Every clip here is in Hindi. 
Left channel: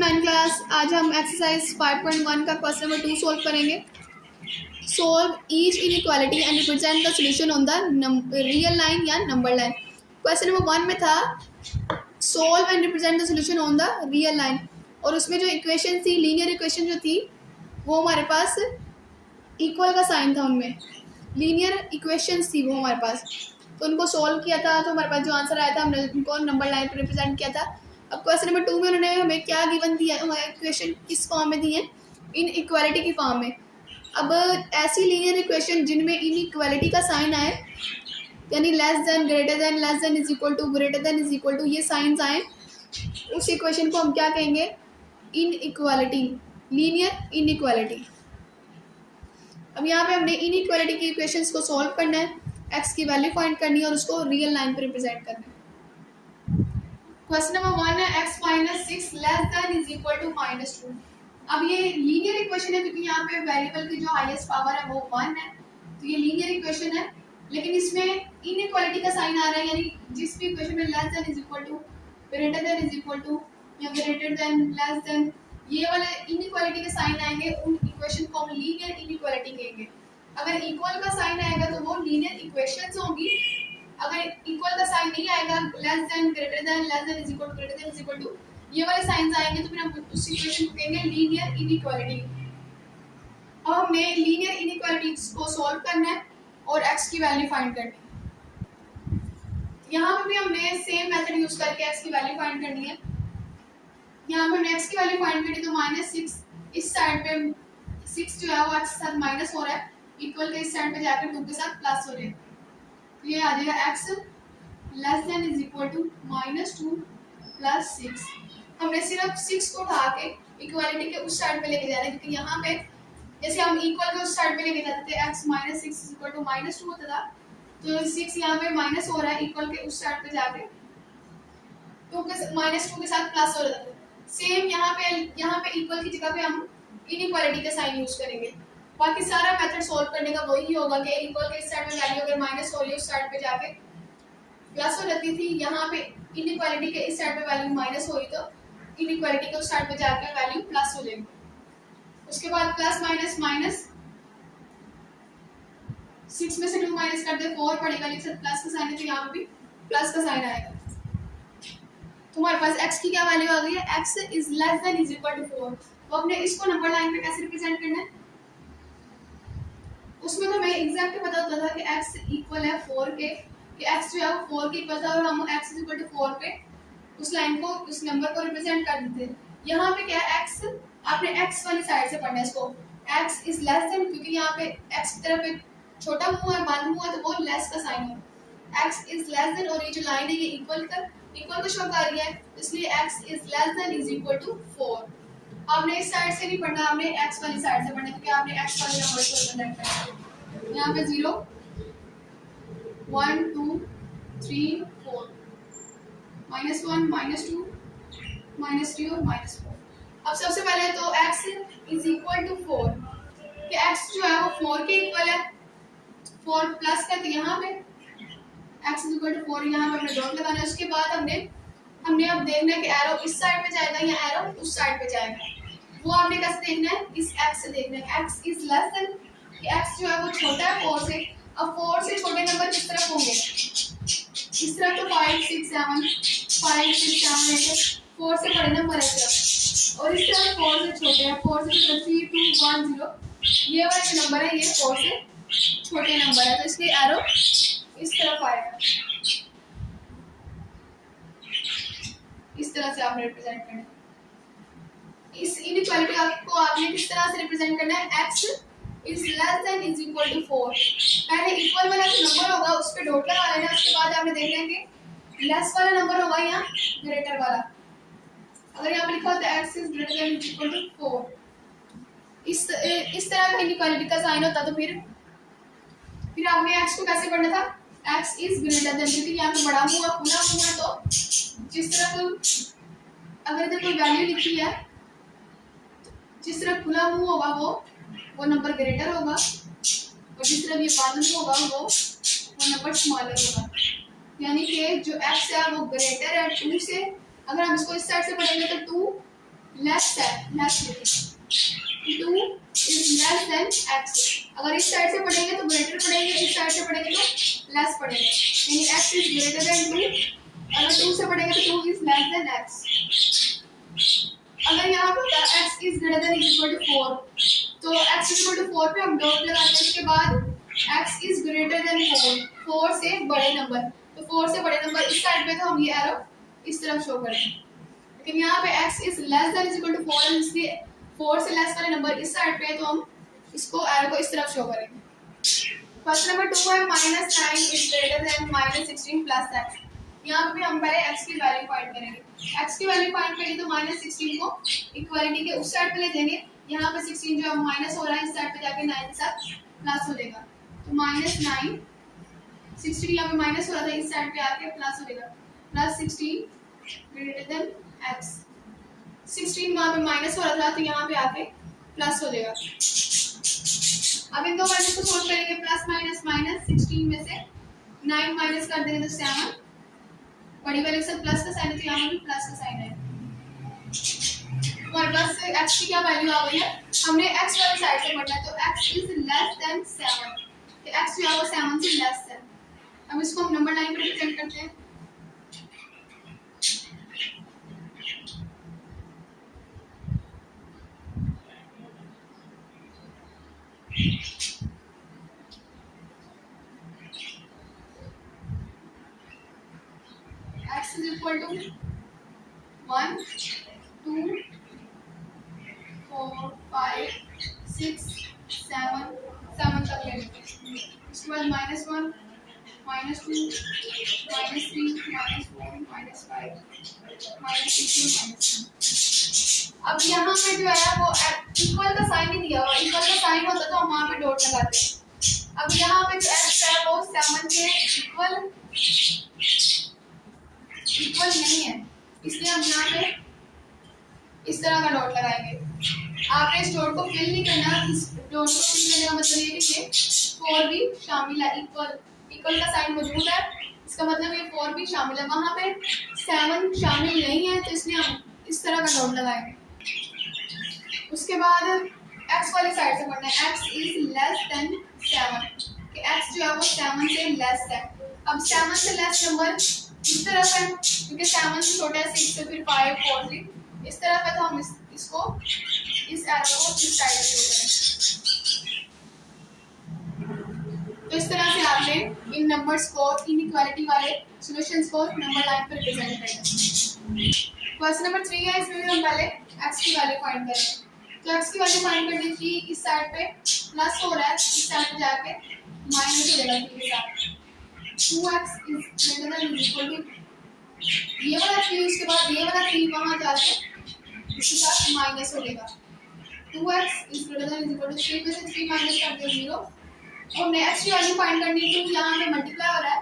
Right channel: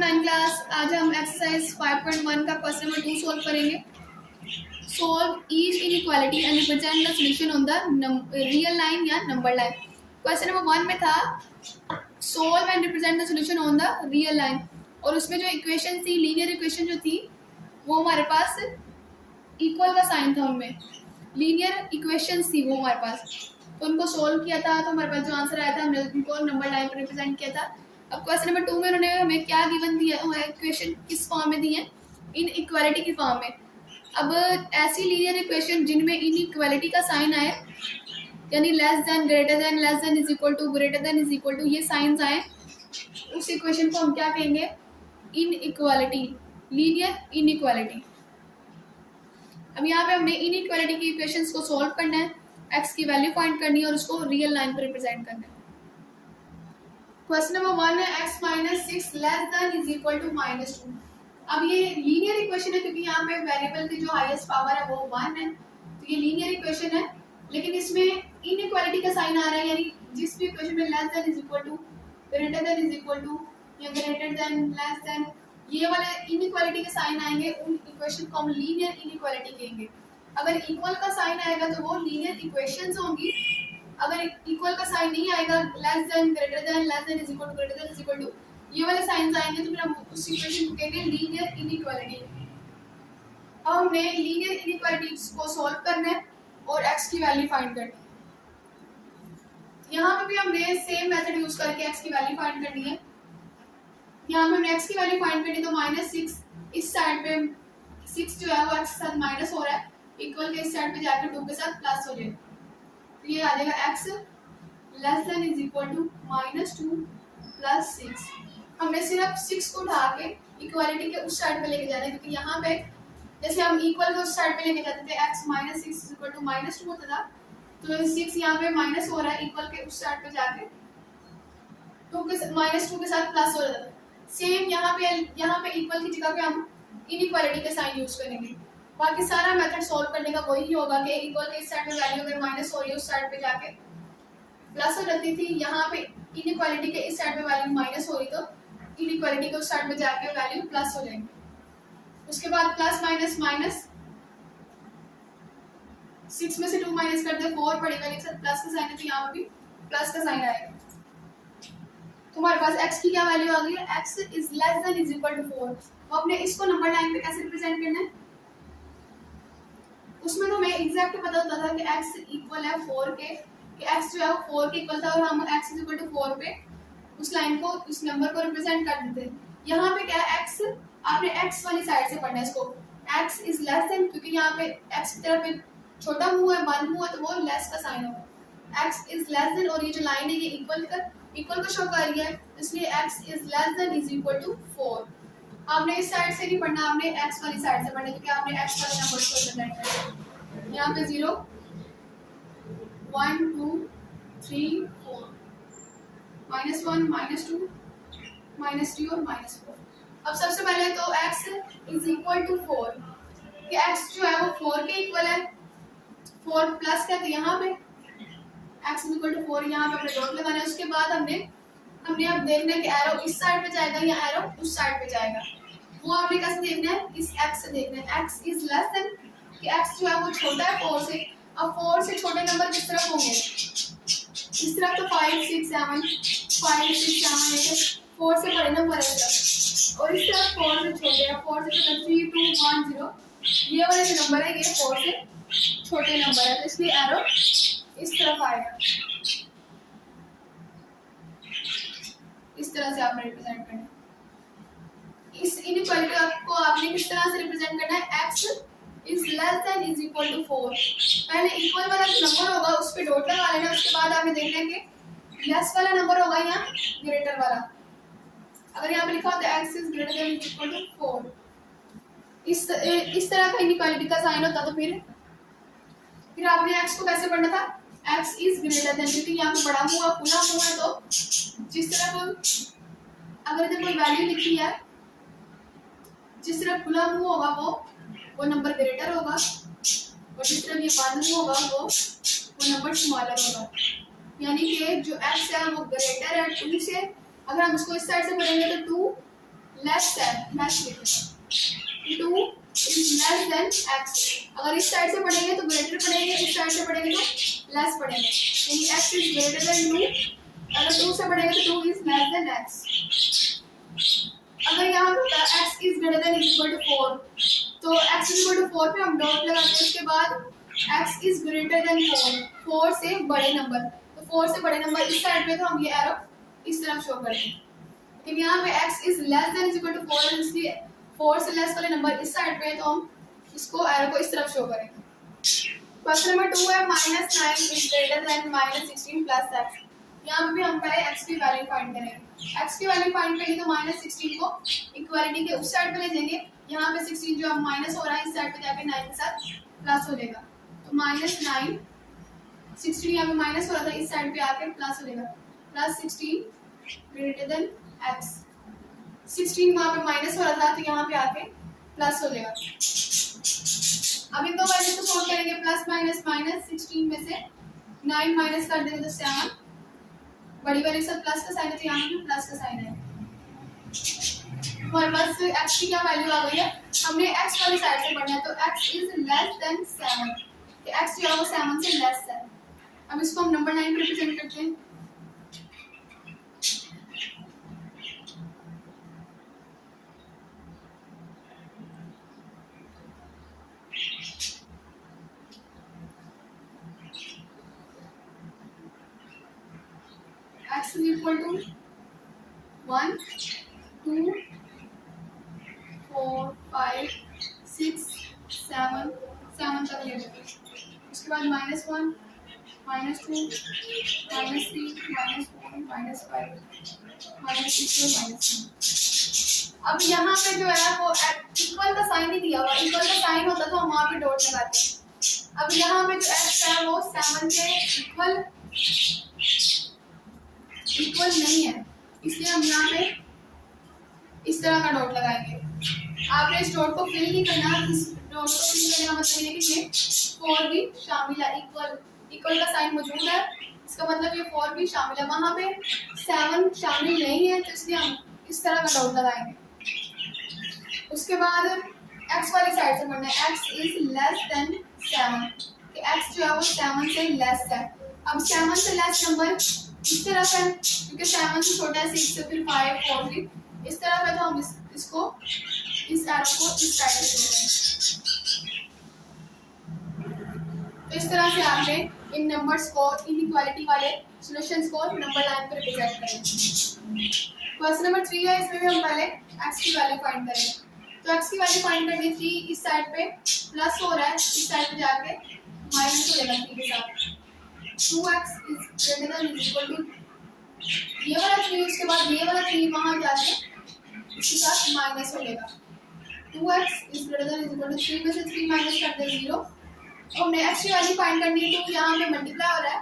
9 क्लास। आज हम एक्सरसाइज 5.1 का क्वेश्चन नंबर 2 सॉल्व करेंगे। Solve each inequality and represent the solution on the real line या नंबर लाइन। क्वेश्चन नंबर 1 में था solve and represent the solution on the real line, और उसमें जो इक्वेशन थी, लीनियर इक्वेशन जो थी, वो हमारे पास इक्वल का साइन था। उनमें लीनियर इक्वेशंस थी वो हमारे पास, तो उनको सॉल्व किया था। तो हमारे पास जो आंसर आया था हमने उनको नंबर लाइन पर रिप्रेजेंट किया था। अब क्वेश्चन नंबर 2 में उन्होंने हमें क्या गिवन दिया, हमारे इक्वेशन किस फॉर्म में दी है, इन इक्वालिटी की फॉर्म में। अब ऐसी लीनियर इक्वेशन जिनमें इन इक्वालिटी का साइन आए, यानी less than, greater than, less than is equal to, greater than is equal to, ये साइंस आए, उस इक्वेशन को हम क्या कहेंगे, inequality, linear inequality. अब यहाँ पे हमने इन इक्वालिटी की इक्वेशंस को सॉल्व करना है, एक्स की वैल्यू फाइंड करनी है और उसको रियल लाइन पर रिप्रेजेंट करना है। क्वेश्चन नंबर 1 है x minus 6 less than is equal to -2। अब ये लीनियर इक्वेशन है क्योंकि यहाँ पे वेरिएबल की जो हाईएस्ट पावर है वो 1 है, तो ये लीनियर इक्वेशन है। लेकिन इसमें इनइक्वालिटी का साइन आ रहा है, यानी जिस भी इक्वेशन में less than is equal to, greater than is equal to या ग्रेटर देन, लेस देन, ये वाले इनइक्वालिटी के साइन आएंगे, उन इक्वेशन को हम लीनियर इनइक्वालिटी कहेंगे। अगर इक्वल का साइन आएगा तो वो लीनियर इक्वेशंस होंगी। अगर इक्वल का साइन नहीं आएगा, less than, greater than, less than is equal to, greater than is equal to, ये वाले साइंस आएंगे, तो फिर हम उस इक्वेशन को कहेंगे लीनियर इनइक्वालिटी। अब हमने लीनियर इनइक्वालिटी को सॉल्व करना है और x की वैल्यू फाइंड करनी है। यहाँ पे भी हमने सेम मेथड यूज करके x की वैल्यू फाइंड करनी है। यहाँ पे हमने x की वैल्यू फाइंड करनी, तो -6 इस साइड पे 6 जो है वो x के साथ माइनस हो रहा है, इक्वल के इस साइड पे जाकर 2 के साथ प्लस हो जाएगा, तो ये आ जाएगा x less than is equal to -2 plus 6। हमने सिर्फ 6 को उठा के इक्वालिटी के उस साइड पे लेके जाना है, क्योंकि यहाँ पे जैसे हम इक्वल के उस साइड पे लेके जाते थे, x -6 इज इक्वल टू -2 होता था, तो 6 यहाँ पे माइनस हो रहा है, इक्वल के उस साइड पे जाके -2 के साथ प्लस हो रहा है। सेम यहाँ पे इक्वल की जगह पे हम इनइक्वालिटी का साइन यूज करेंगे। बाकी सारा मेथड सॉल्व करने का वही होगा कि इक्वल के इस साइड में वैल्यू अगर माइनस हो रही है, उस साइड पे जाके प्लस हो जाती थी। यहाँ पे इनइक्वालिटी के इस साइड पे वैल्यू माइनस हो रही, तो इनइक्वालिटी के उस साइड पे जाके वैल्यू प्लस हो जाएगी। उसके बाद प्लस माइनस माइनस, 6 में से 2 माइनस कर दे 4 पड़ेगा, लेकिन प्लस का साइन है तो यहाँ पे भी प्लस का साइन आएगा। तुम्हारे पास x की क्या वैल्यू आ गई है, x is less than is equal to 4। तो अपने इसको नंबर लाइन पे कैसे रिप्रेजेंट करना है, उसमें तो हमें एग्जैक्ट पता होता था कि x इक्वल है 4 के, कि x जो है वो 4 के इक्वल था, और हम x इज इक्वल टू 4 पे उस लाइन को, उस नंबर को रिप्रेजेंट कर देते हैं। यहाँ पे क्या है, x आपने x वाली साइड से पढ़ना है इसको, x इज लेस देन, क्योंकि यहाँ पे x की तरफ छोटा मुंह है, बंद मुंह है, तो वो लेस का साइन होगा। x इज लेस देन, और ये जो लाइन है ये इक्वल को शो कर रही है, इसलिए x is less than is equal to 4। आपने इस साइड से नहीं पढ़ना, आपने x वाली साइड से पढ़ना, क्योंकि आपने x वाले नंबर को रिप्रेजेंट करना है। यहाँ पे 0 1 2 3 4, -1 -2 -3 और -4। अब सबसे पहले तो x इज इक्वल टू 4, कि x जो है वो 4 के इक्वल है, 4 प्लस का, तो यहाँ पे x इज इक्वल टू 4, यहाँ पे हमने डॉट लगाना है। उसके बाद हमने अब देखना है कि एरो इस साइड पे जाएगा या एरो उस साइड पे जाएगा, वो आपने कैसे देखना है, इस x से देखना है। x इज लेस देन, कि x जो है वो छोटा है 4 से। अब 4 से छोटे नंबर किस तरफ होंगे, इस तरफ तो 5 6 7 5 6 7 8, 4 से बड़े नंबर है इस तरफ, और इस तरफ 4 से छोटे हैं, 4 से छोटे 3 2 1 0, ये वाले जो नंबर है ये 4 से छोटे नंबर है, तो इसलिए एरो इस तरफ आएगा। इस तरह से आपने रिप्रेजेंट करना है। इस इनइक्वालिटी को आपने किस तरह से रिप्रेजेंट करना है, x is less than is equal to 4। पहले इक्वल वाला जो नंबर होगा उस पे डॉट लगा लेना, उसके बाद आपने देखना है कि लेस वाला नंबर होगा या ग्रेटर वाला। अगर यहाँ पे लिखा होता है x is greater than is equal to 4, इस तरह का इनइक्वालिटी का साइन होता, तो फिर आपने x को कैसे पढ़ना था, x इज ग्रेटर देन, क्योंकि यहाँ पे बड़ा मुंह है, खुला मुंह है, तो जिस तरफ अगर इधर कोई वैल्यू लिखी है, जिस तरफ खुला मुंह होगा वो नंबर ग्रेटर होगा, और जिस तरफ ये बंद मुंह होगा वो नंबर स्मॉलर होगा। यानी कि जो x है वो ग्रेटर है 2 से। अगर हम इसको इस साइड से पढ़ेंगे तो 2 लेस लिखें, to is less than x. अगर इस साइड से पढ़ेंगे तो ग्रेटर पढ़ेंगे, इस साइड से पढ़ेंगे तो लेस पढ़ेंगे, यानी x is greater than two. अगर टू से पढ़ेंगे तो two is less than x. अगर यहाँ पे होता है x is greater than equal to 4, तो x इक्वल टू 4 पे हम डॉट लगाते हैं, उसके बाद x इज ग्रेटर देन 4 से बड़े नंबर, तो 4 से बड़े नंबर इस साइड पे, तो हम ये एरो इस तरफ शो करेंगे। लेकिन यहाँ पे x is less than equal to 4 है, इसलिए 4 से लेस वाले नंबर इस साइड पे, तो हम इसको एरो को इस तरफ शो करेंगे। क्वेश्चन नंबर 2 है -9 is greater then -16 plus x। यहाँ पे भी हम पहले x की वैल्यू फाइंड करेंगे। x की वैल्यू फाइंड करेंगे तो -16 को इक्वालिटी के उस साइड पे ले जाएंगे, यहाँ पे 16 जो माइनस हो रहा है इस साइड पे जाके 9 के साथ प्लस हो जाएगा, तो -9 16 यहाँ पे माइनस हो रहा था, इस साइड पे आके प्लस हो जाएगा, प्लस 16 ग्रेटर देन x। 16 वहाँ पे माइनस हो रहा था, तो यहाँ पे आके प्लस हो जाएगा। अब इन दो वैल्यू को सॉल्व करेंगे, प्लस माइनस माइनस, 16 में से 9 माइनस कर देंगे तो 7, बड़ी वैल्यू के साथ प्लस का साइन है, तो यहाँ पे भी प्लस का साइन है। हमारे पास x की क्या वैल्यू आ गई है, हमने x वाली साइड से पढ़ना है, तो x इज लेस देन 7, तो x जो है वो 7 से लेस है। अब इसको हम नंबर लाइन पे रिप्रेजेंट करते हैं। x is equal to 1 2 4 5 6 7 7 तक ले लेते हैं। उसके बाद -1 -2 -3 -4 -5 -6 अब यहाँ पे जो है वो इक्वल का साइन नहीं दिया हुआ, इक्वल का साइन होता तो हम वहाँ पे डॉट लगाते। अब यहाँ पे जो x है वो 7 के इक्वल नहीं है, इसलिए हम यहाँ पे इस तरह का डॉट लगाएंगे। आपने इस डॉट को फिल नहीं करना, इस डॉट को फिल करने का मतलब ये कि ये 4 भी शामिल है, इक्वल का साइन मौजूद है, इसका मतलब ये 4 भी शामिल है। वहाँ पे 7 शामिल नहीं है, तो इसलिए हम इस तरह का डॉट लगाएंगे। उसके बाद x वाले साइड से पढ़ना है, x इज लेस देन 7, कि x जो है वो 7 से लेस है। अब 7 से लेस नंबर इस तरफ है, क्योंकि 7 से छोटे है 6 से फिर 5 4 3 इस तरफ है, तो हम इसको इस एरो को इस साइड से शो करें। तो इस तरह से आपने इन नंबर्स को, इनइक्वालिटी वाले सॉल्यूशंस को नंबर लाइन पर रिप्रेजेंट करना है। क्वेश्चन नंबर 3 है, इसमें भी हम पहले x की वैल्यू फाइंड करेंगे। तो x की वैल्यू फाइंड करनी थी, इस साइड पे प्लस हो रहा है, इस साइड पे जाके माइनस हो जाएगा 3 के साथ। 2x is greater than equal to ये वाला 3, उसके बाद ये वाला 3 वहां जाके इसके साथ माइनस हो जाएगा। 2x is greater than equal to 3 में से 3 माइनस करते हैं 0, और हमने x की वैल्यू फाइंड करनी है, तो यहाँ पे मल्टीप्लाई हो रहा है,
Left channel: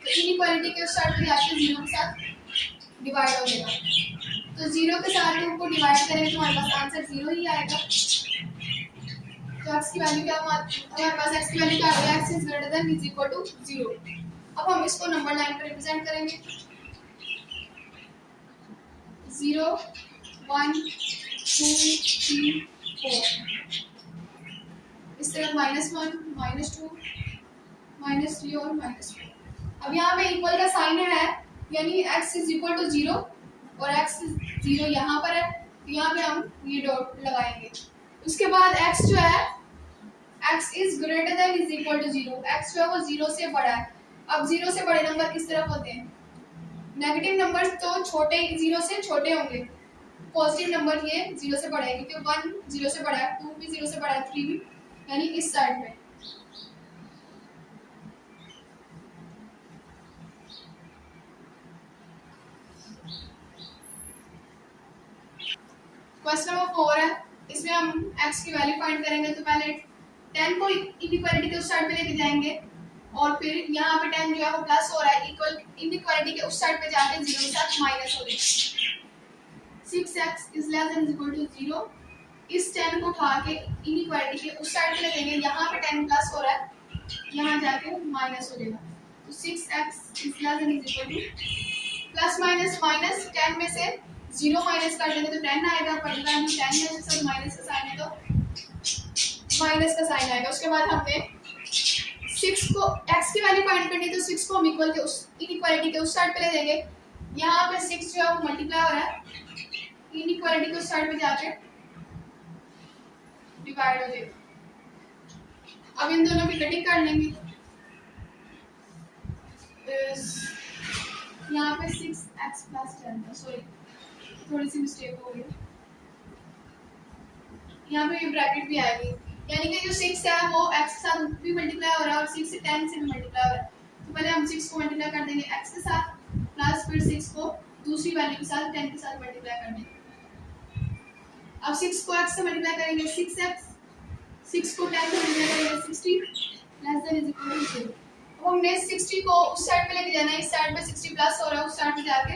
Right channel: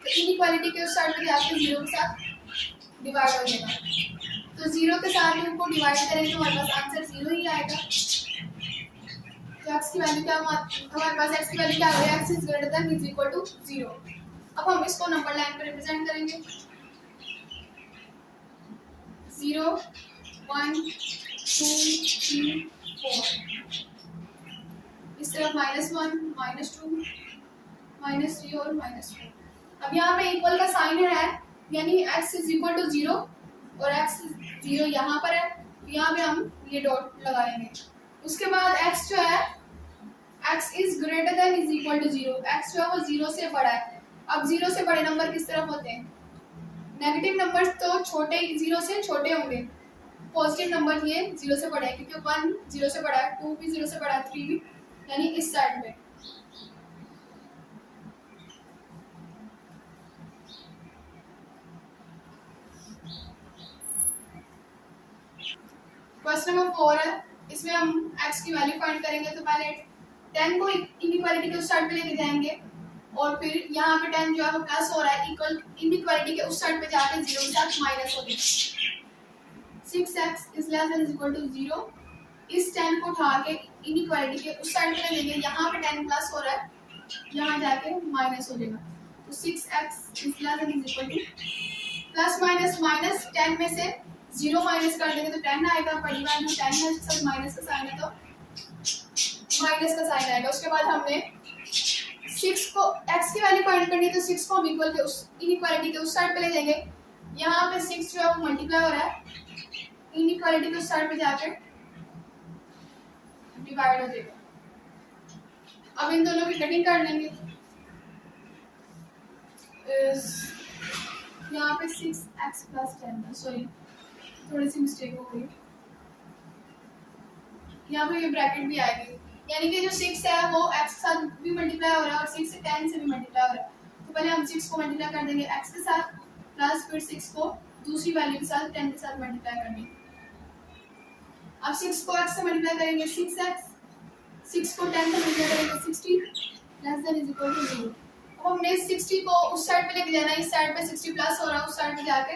तो इनइक्वालिटी के उस साइड पे जाके 0 के साथ डिवाइड हो जाएगा। तो 0 के साथ 2 को डिवाइड करेंगे तो हमारे पास आंसर 0 ही आएगा। तो x की वैल्यू क्या, हमारे पास x की वैल्यू क्या है, x is greater than is equal to 0। अब हम इसको नंबर लाइन पर रिप्रेजेंट करेंगे, 0 1 2 3 4, इस तरफ -1 -2 -3 और -4। अब यहाँ पे इक्वल का साइन है, यानी x इज इक्वल टू 0 और x 0 यहाँ पर है, यहाँ पे हम ये डॉट लगाएंगे। उसके बाद x जो है, x is greater than is equal to 0, x जो है वो 0 से बड़ा है। अब 0 से बड़े नंबर किस तरफ होते हैं, नेगेटिव नंबर तो छोटे 0 से छोटे होंगे, पॉजिटिव नंबर ये 0 से बड़ा है, क्योंकि 1 0 से बड़ा है, 2 भी 0 से बड़ा है, 3 भी, यानी इस साइड पे। क्वेश्चन नंबर 4 है, इसमें हम x की वैल्यू फाइंड करेंगे। तो पहले 10 को इनइक्वालिटी के उस साइड पे लेके जाएंगे, और फिर यहाँ पे 10 जो है वो प्लस हो रहा है, इक्वल इनइक्वालिटी के उस साइड पे जाके 0 के साथ माइनस हो जाएगा। 6x is less than equal to 0, इस 10 को उठा के इनइक्वालिटी के उस साइड पे ले जाएंगे, यहाँ पे 10 प्लस हो रहा है, यहाँ जाके माइनस हो जाएगा। तो 6x is less than equal two plus minus minus 10 में से 0 माइनस कर देंगे तो 10 आएगा, बड़ी वैल्यू 10 है, उसके साथ माइनस का साइन है तो माइनस का साइन आएगा। उसके बाद हमने 6 को x की वैल्यू फाइंड करनी है तो 6 को हम इक्वल के उस इनइक्वालिटी के उस साइड पे ले देंगे। यहाँ पे 6 जो है वो मल्टीप्लाई हो रहा है, इनइक्वालिटी के उस साइड पे जाके डिवाइड हो जाएगा। अब इन दोनों की कटिंग कर लेंगे। यहाँ पे 6x प्लस 10 था, सॉरी थोड़ी सी मिस्टेक हो गई, यहाँ पे ये ब्रैकेट भी आएगी, यानी कि जो 6 है वो x के साथ भी मल्टीप्लाई हो रहा है और 6 से 10 से भी मल्टीप्लाई हो रहा है। तो पहले हम 6 को मल्टीप्लाई कर देंगे x के साथ, प्लस फिर 6 को दूसरी वैल्यू के साथ 10 के साथ मल्टीप्लाई कर देंगे। अब 6 को x से मल्टीप्लाई करेंगे 6x, 6 को 10 से मल्टीप्लाई करेंगे 60 less than is equal to 0। अब हमने 60 को उस साइड पे लेके जाना है, इस साइड पे 60 प्लस हो रहा है, उस साइड पे जाके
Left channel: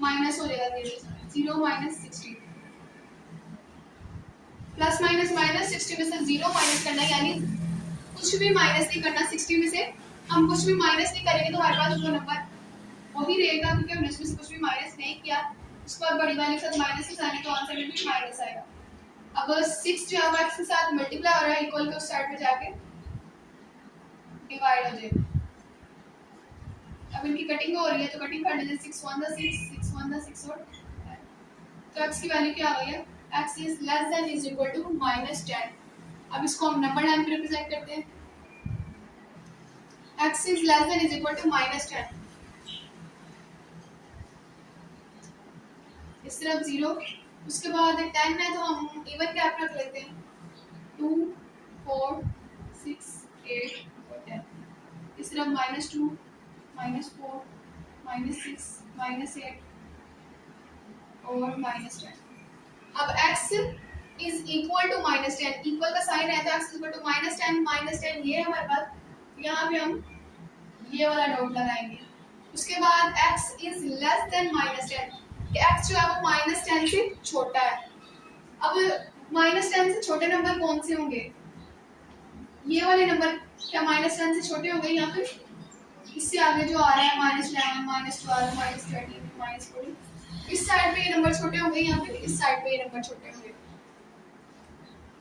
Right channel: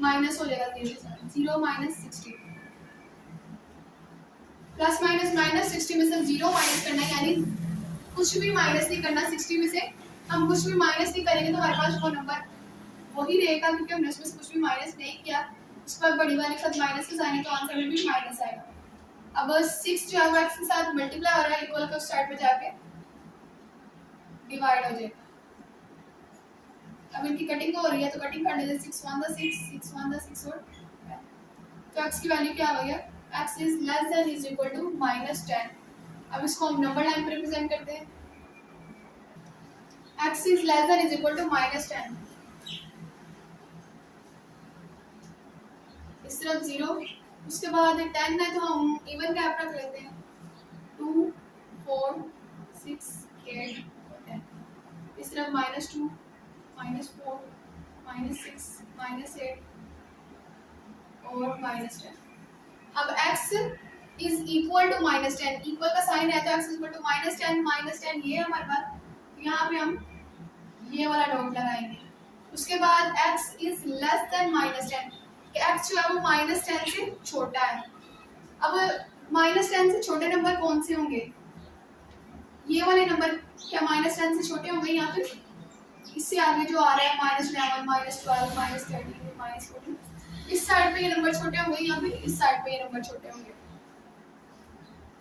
माइनस हो जाएगा 0 माइनस 60, प्लस माइनस माइनस 60 में से 0 माइनस करना, यानी कुछ भी माइनस नहीं करना। 60 में से हम कुछ भी माइनस नहीं करेंगे तो हमारे पास वो नंबर वही रहेगा, क्योंकि हमने उसमें से कुछ भी माइनस नहीं किया। उस पर बड़ी वाले के साथ माइनस के साइन है तो आंसर में भी माइनस आएगा। अब 6 जो है वो x के साथ मल्टीप्लाई हो रहा है, इक्वल के उस साइड पे जाके डिवाइड हो जाएगा। अब इनकी कटिंग हो रही है तो कटिंग कर लेते हैं। 6 1 6 6 1 6 और तो x की वैल्यू क्या आ गई है, x is less than is equal to -10। अब इसको हम नंबर लाइन पे रिप्रेजेंट करते हैं। x is less than is equal to -10, इस तरफ 0, उसके बाद 10 है तो हम इवन गैप रख लेते हैं 2 4 6 8 और 10, इस तरफ -2 -4 -6 -8 और -10। अब x is equal to -10, equal का साइन है तो x इज इक्वल टू -10 ये हमारे पास, यहाँ पे हम ये वाला डॉट लगाएंगे। उसके बाद x इज लेस देन -10, कि x जो है वो -10 से छोटा है। अब -10 से छोटे नंबर कौन से होंगे, ये वाले नंबर क्या -10 से छोटे होंगे, या फिर इससे आगे जो आ रहा है -11 -12 -13 -14, इस साइड पे ये नंबर छोटे होंगे या फिर इस साइड पे ये नंबर छोटे होंगे।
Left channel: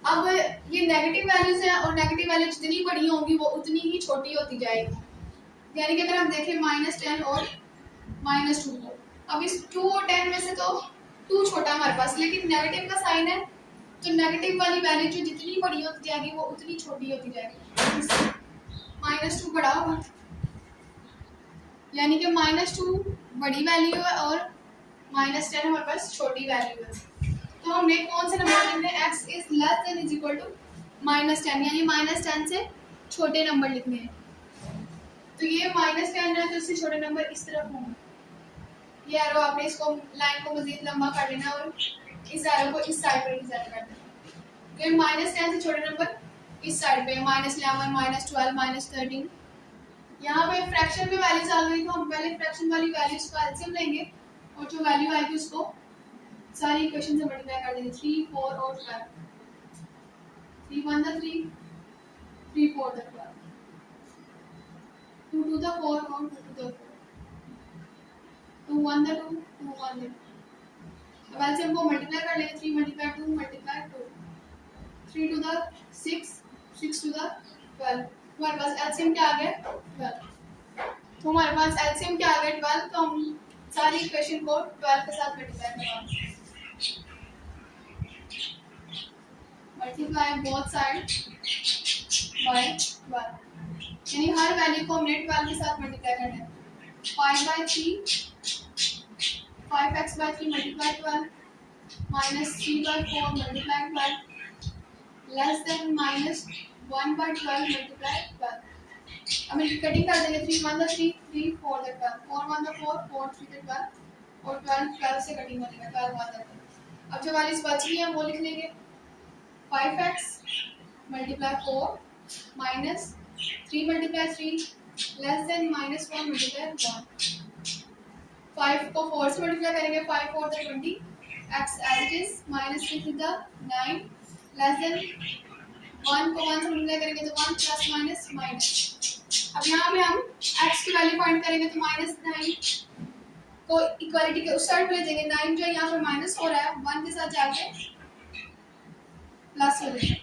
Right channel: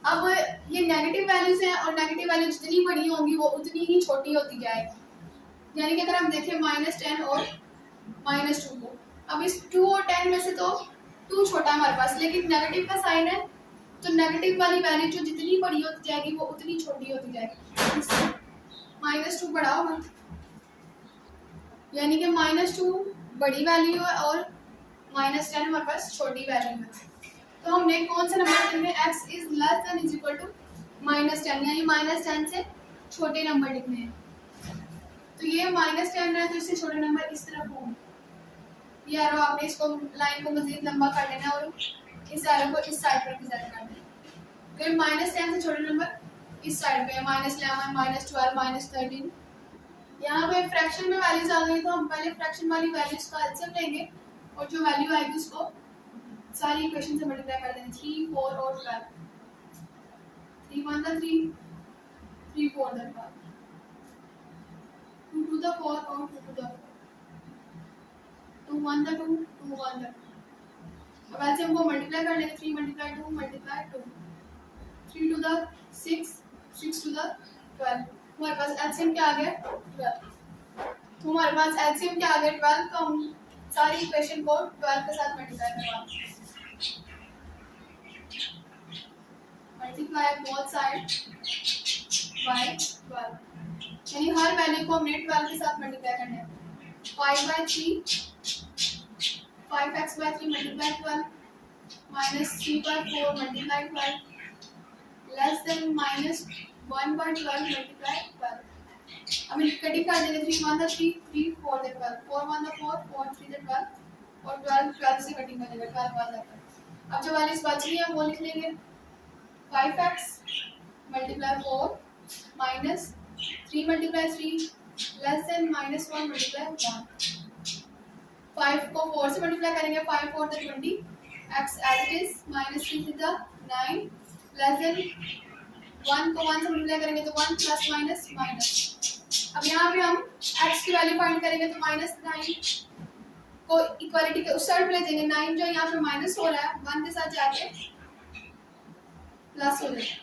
अब ये नेगेटिव वैल्यूज हैं और नेगेटिव वैल्यू जितनी बड़ी होंगी वो उतनी ही छोटी होती जाएगी। यानी कि अगर हम देखें -10 और -2 को, अब इस 2 और 10 में से तो 2 छोटा हमारे पास, लेकिन नेगेटिव का साइन है तो नेगेटिव वाली वैल्यू जो जितनी बड़ी होती जाएगी वो उतनी छोटी होती जाएगी। -2 बड़ा होगा, यानी कि -2 बड़ी वैल्यू है और -10 हमारे पास छोटी वैल्यू है। तो हमने कौन से नंबर लिखने हैं, x is less than is equal to -10, यानी -10 से छोटे नंबर लिखने हैं। तो ये -10 है तो इससे छोटे नंबर इस तरफ होंगे। ये एरो आपने इसको लाइन को मजीद लंबा कर लेना और इस एरो को इस साइड पर रिप्रेजेंट कर देना। तो -10 से छोटे नंबर इस साइड पे है, -11 -12 -13। यहाँ पे फ्रैक्शन में वैल्यूज आ गई तो हम पहले फ्रैक्शन वाली वैल्यूज का एलसीएम लेंगे और जो वैल्यू आएगी उसको सारी इक्वेशन से मल्टीप्लाई कर देंगे। 3 4 और 12, 3 1 3 3 4 12, 2 2 4 और 2 2 4, 2 1 2 2 1 2। अब एलसीएम को मल्टीप्लाई कर लेंगे। 3 × 2 × 2, 3 to the 6 6 to the 12। हमारे पास एलसीएम क्या आ गया 12। तो हमारे पास एलसीएम क्या आ गया 12, तो हम सारी इक्वेशन को 12 के साथ मल्टीप्लाई करवाएंगे। मल्टीप्लाई बोथ साइड बाय 12, यानी हर वैल्यू को हमने 12 के साथ मल्टीप्लाई करना है। 5/3 5x/3 multiply 12 -3/4 multiply 12 less than -1/12 multiply 12। अब इनकी कटिंग कर देंगे। 3 1 3 3 4 12, 4 1 4 4 3 12 और 12 से कटिंग बनेगा 12 1 12। अब जो वैल्यूज बच रही है वो लिख लेंगे। 5x multiply 4 minus 3 multiply 3 less than -1 multiply 1। 5 को 4 से मल्टीप्लाई करेंगे। 5 4 20, x as it is, -3 9 less than 1 को 1 से मल्टीप्लाई करेंगे तो 1 प्लस माइनस माइनस। अब यहाँ पे हम x की वैल्यू फाइंड करेंगे तो -9 को इक्वालिटी के उस साइड पे ले जाएंगे। 9 जो यहाँ पे माइनस हो रहा है 1 के साथ जाके प्लस हो जाएगा।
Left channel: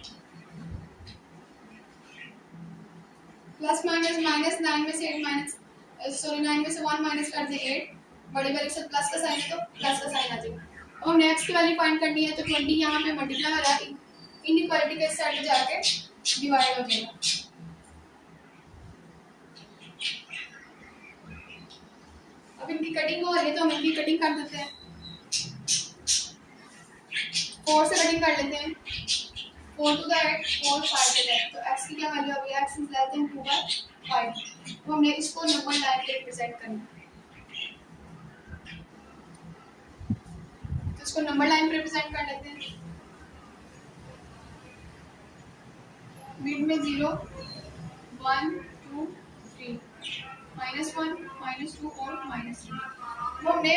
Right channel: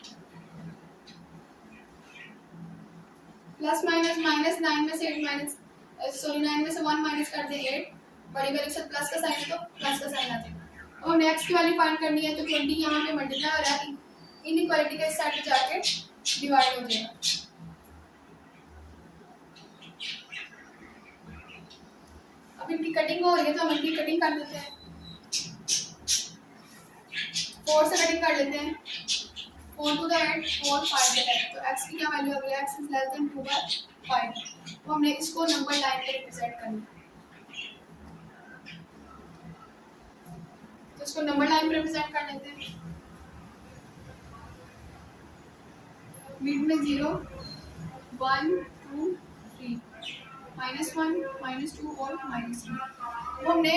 प्लस माइनस माइनस 9 में से 8 माइनस 9 में से 1 माइनस कर दे 8, बड़ी वैल्यू से प्लस का साइन है तो प्लस का साइन आ जाएगा। और नेक्स्ट की वैल्यू फाइंड करनी है तो 20 यहाँ पे मल्टीप्लाई हो रहा है, इनइक्वालिटी के इस साइड पे जाके डिवाइड हो जाएगा। अब इनकी कटिंग हो रही है तो हम इनकी कटिंग कर देते हैं। 4 से कटिंग कर लेते हैं। 4 to the 8, 4 5 to the 10। तो x की क्या वैल्यू आ गई, x इज लेस देन 2/5। तो हमने इसको नंबर लाइन पे रिप्रेजेंट करना है। तो इसको नंबर लाइन पे रिप्रेजेंट कर लेते हैं। मिड में 0 1 2 3 -1 -2 और -3। वो हमने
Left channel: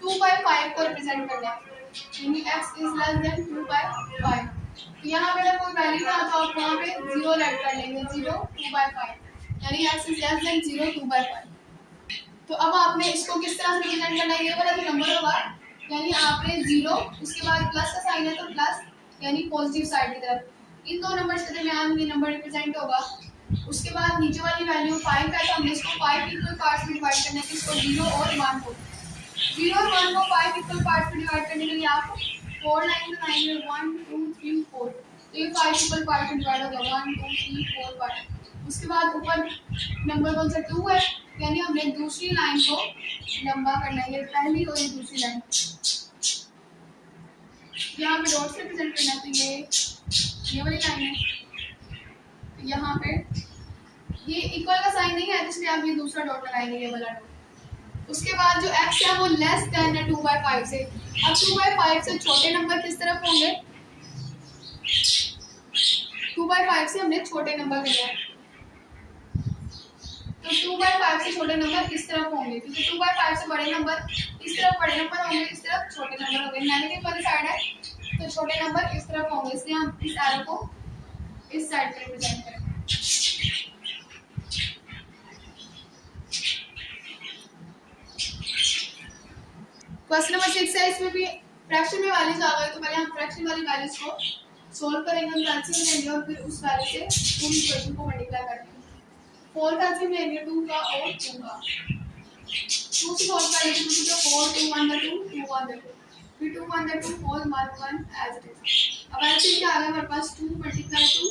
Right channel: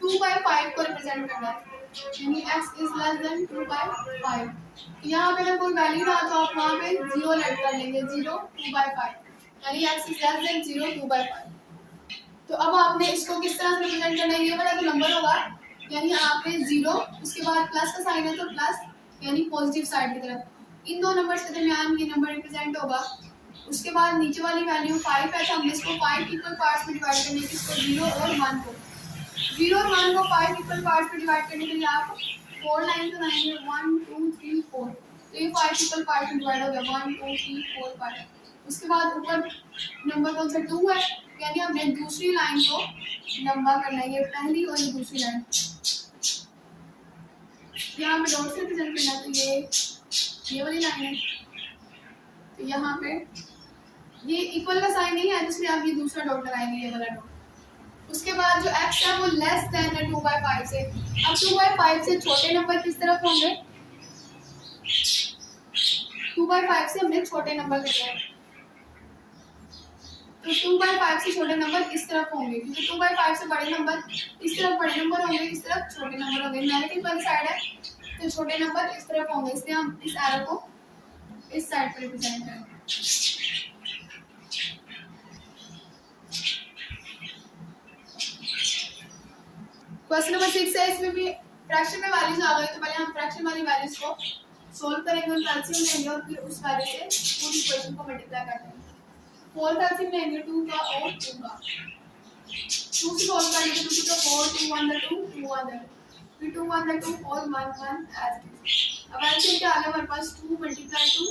2/5 को रिप्रेजेंट करना है, यानी x इज लेस देन 2/5। यहाँ पे अगर कोई वैल्यू ना तो आप वहाँ पे 0 ऐड कर लेंगे, 0 2/5, यानी x इज लेस देन 0 2/5। तो अब आपने इसको किस तरह से रिप्रेजेंट करना है, ये वाला जो नंबर होगा यानी आपने 0 उसके बाद प्लस का साइन है तो प्लस यानी पॉजिटिव साइड की तरफ, इन दो नंबर्स के दरमियान ये नंबर रिप्रेजेंट होगा। उसके बाद नीचे वाली वैल्यू 5 है तो हमने इसको 5 इक्वल पार्ट्स में डिवाइड करना है, इसको 0 और 1 को 0 और 1 को 5 इक्वल पार्ट्स में डिवाइड करने के लिए आप 4 लाइन तो 9 में 1 2 3 4, तो ये 5 इक्वल पार्ट में डिवाइड हो गया 1 2 3 4 5। उसके बाद ऊपर नंबर कौन सा 2 है, यानी हमने दूसरी लाइन को लंबा करना है, ये पहली और ये दूसरी लाइन यहाँ पे डॉट से रिप्रेजेंट करना है। तो ये वाली लाइन है, तो यहाँ पे ये इक्वल का साइन नहीं है इसलिए आप ये दूसरा डॉट लगाएंगे, ये वाला डॉट। उसके बाद जो x है वो लेस देन है 2/5 से। अब 2/5 से छोटे नंबर किस तरफ होंगे, 2/5 से हमने छोटे नंबर लेने हैं, तो 2/5 से छोटे नंबर इस तरफ होंगे, क्योंकि 2/5 से बड़े नंबर इस तरफ बड़े नंबर होंगे, इस तरफ छोटे नंबर होंगे। नेगेटिव वाली साइड है तो छोटे नंबर इस तरफ होंगे, इसलिए हम इस एरो को इस साइड पे रिप्रेजेंट करेंगे। क्वेश्चन नंबर 6 है, इसमें भी फ्रैक्शन में वैल्यूज आ गई, तो पहले हम फ्रैक्शन वाली वैल्यूज को सोल्व करेंगे, हम एलसीएम लेंगे और फिर उस वैल्यू से पूरी इक्वेशन को मल्टीप्लाई कर देंगे। 4 का एलसीएम लेंगे 2 का और 2 का, 2 से सॉल्व करेंगे, 2 to the 4 2 1 the 2 2 1 the 2, फिर 2 1 the 2 whole 1 1 as it is. अब एलसीएम क्या आ गया हमारे पास 2 मल्टीप्लाई 2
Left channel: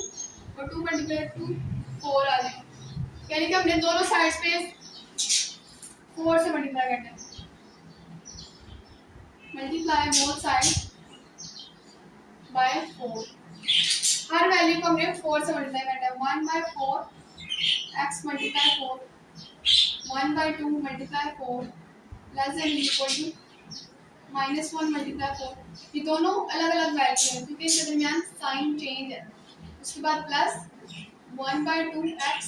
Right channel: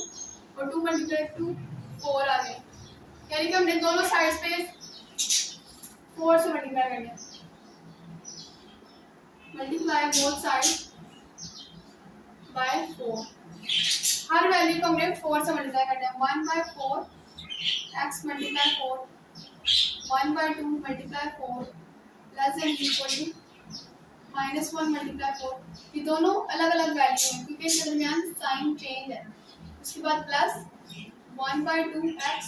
और 2 मल्टीप्लाई 2 4 आ गया, यानी कि हमने दोनों साइड्स पे 4 से मल्टीप्लाई करना है। मल्टीप्लाई बोथ साइड बाय 4, हर वैल्यू को हमने 4 से मल्टीप्लाई करना है। 1/4 x multiply 4 1/2 multiply 4 less than equal to -1 multiply 4। ये दोनों अलग अलग वैल्यू हैं क्योंकि इनके दरमियान साइन चेंज है। उसके बाद प्लस 1/2 x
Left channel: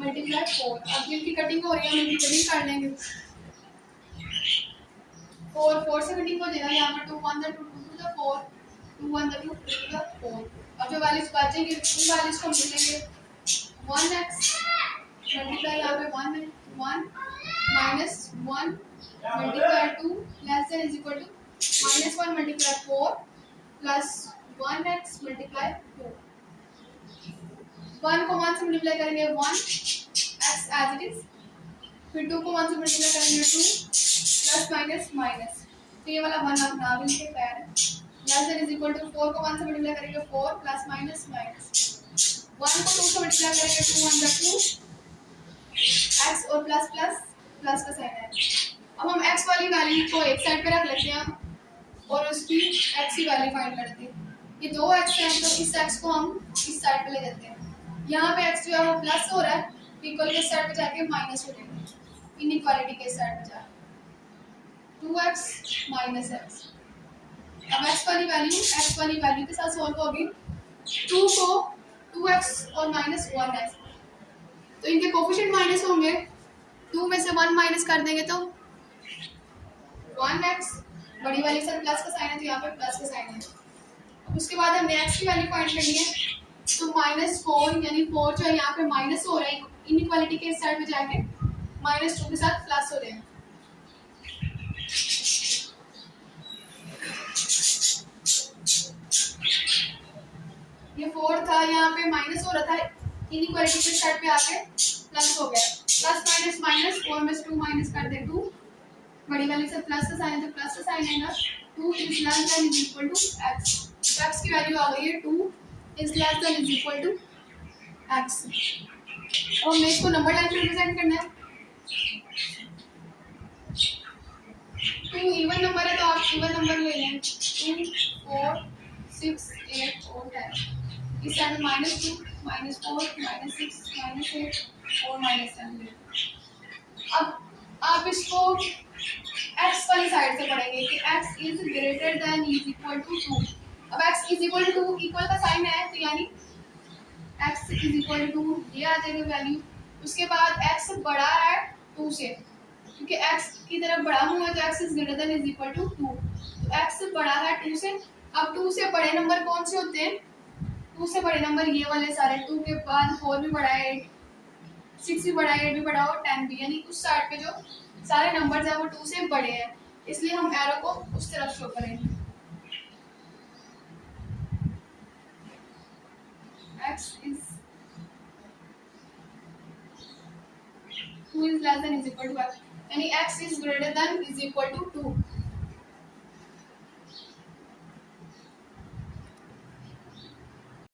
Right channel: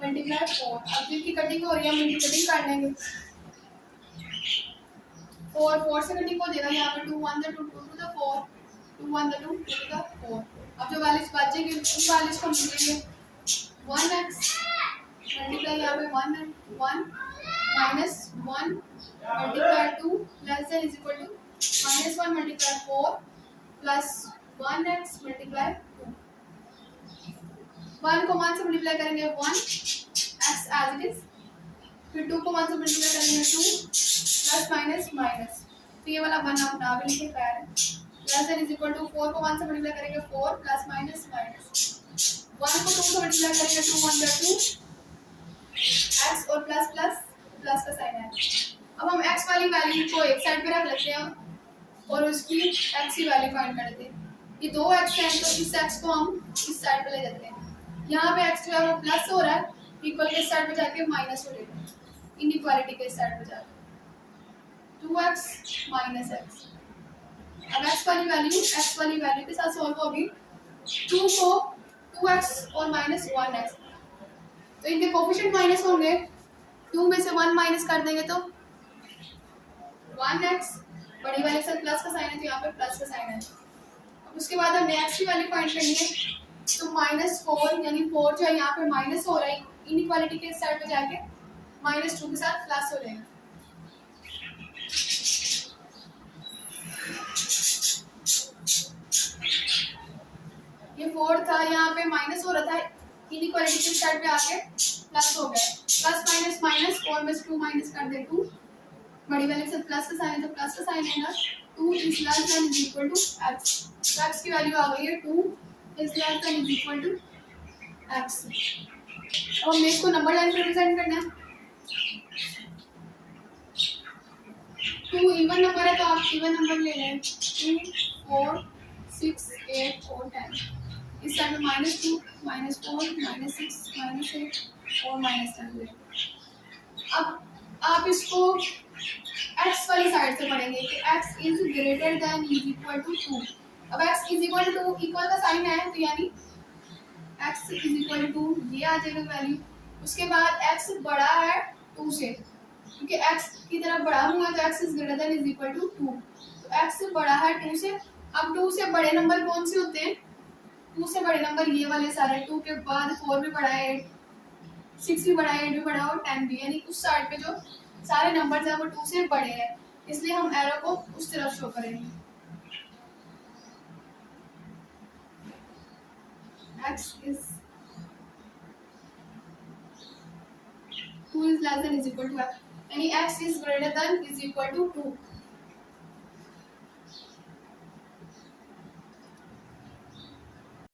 मल्टीप्लाई 4। अब जिनकी कटिंग हो रही है हम इनकी कटिंग कर लेंगे। 4 से कटिंग हो जाएगा, यहाँ पर 2 1 the 2 2 to the 4 2 1 the 2 2 to the 4। अब जो वैल्यूज बचेंगे उन वैल्यूज को मिलेंगे 1x मल्टीप्लाई यहाँ पे 1 minus 1 multiply 2 less than is equal to -1 multiply 4 plus 1x multiply 2। 1 को 1 से मल्टीप्लाई करेंगे 1 x एज इट इज, फिर 2 को 1 से मल्टीप्लाई करेंगे 2 प्लस माइनस माइनस, तो ये वाला 1 आप ना भी लिखे खैर है। Less than is equal to 4 को 1 से मल्टीप्लाई करेंगे 4 प्लस माइनस माइनस, 1 को 2 से मल्टीप्लाई करेंगे 2 1 the 2 x और प्लस प्लस प्लस का साइन है। अब हम x वाली वैल्यू को एक साइड पे रख लेते हैं और उसकी x की वैल्यू फाइंड करते हैं। ये दो x हैं तो इस x को हम इस साइड पे ले जाते हैं। यहाँ पे x जो है वो प्लस हो रहा है, इक्वल के साइड पे जाके माइनस हो जाएगा, इनइक्वालिटी के साइड पे जाके 2x माइनस x। अब x वाली वैल्यू के साथ सॉल्व होगी, 2 को 2x और माइनस 1x, तो इनके कोफिशिएंट माइनस होंगे, 2 में से 1 माइनस कर देंगे तो 1x, बड़ी वाली से प्लस का साइन है तो यहाँ पे प्लस का साइन है। अब उसके बाद हमने x की वैल्यू फाइंड करनी है, तो -4 यानी 4 जो है यहाँ पे माइनस हो रहा है, इनइक्वालिटी के साइड पे जाके -2 के साथ प्लस हो रहे हैं। ये 4 था, यहाँ पे माइनस हो रहा था, इनइक्वालिटी के साइड पे आके प्लस हो गया, प्लस माइनस माइनस, 4 में से 2 माइनस कर दे 2, बड़ी वाले से प्लस का साइन है तो प्लस का साइन है ना, 2 is less than is equal to x, तो एक्स की वैल्यू आ गई है 2 is less than is equal to x. और हमें इसको नंबर लाइन पे रिप्रेजेंट करना है। 2 इवन नंबर है तो आप इवन नंबर ले लें, 2 4 6 8 और 10, इस साइड में -2 -4 -6 -8 और -10 ले। अब आप इसको x वाली साइड से पढ़ेंगे कि x is greater than is equal to 2। अब x is equal to 2, equal का साइन है तो यानी x इज इक्वल टू ये आ जाएगा वैल्यू। उसके बाद x बड़ा है 2 से, क्योंकि x की तरफ बढ़ा हुआ है तो x is greater than is equal to 2, तो x बड़ा है 2 से। अब 2 से बड़े नंबर कौन से होते हैं? 2 से बड़े नंबर ये वाले सारे, 2 के बाद 4 भी बड़ा है, 6 भी बड़ा है, 8 भी बड़ा है और 10 भी, यानी उस साइड पे जो सारे नंबर्स हैं वो 2 से बड़े हैं, इसलिए हम एरो को उस तरफ शो करेंगे। x is 2 is less than is equal to x, यानी x is greater than is equal to 2।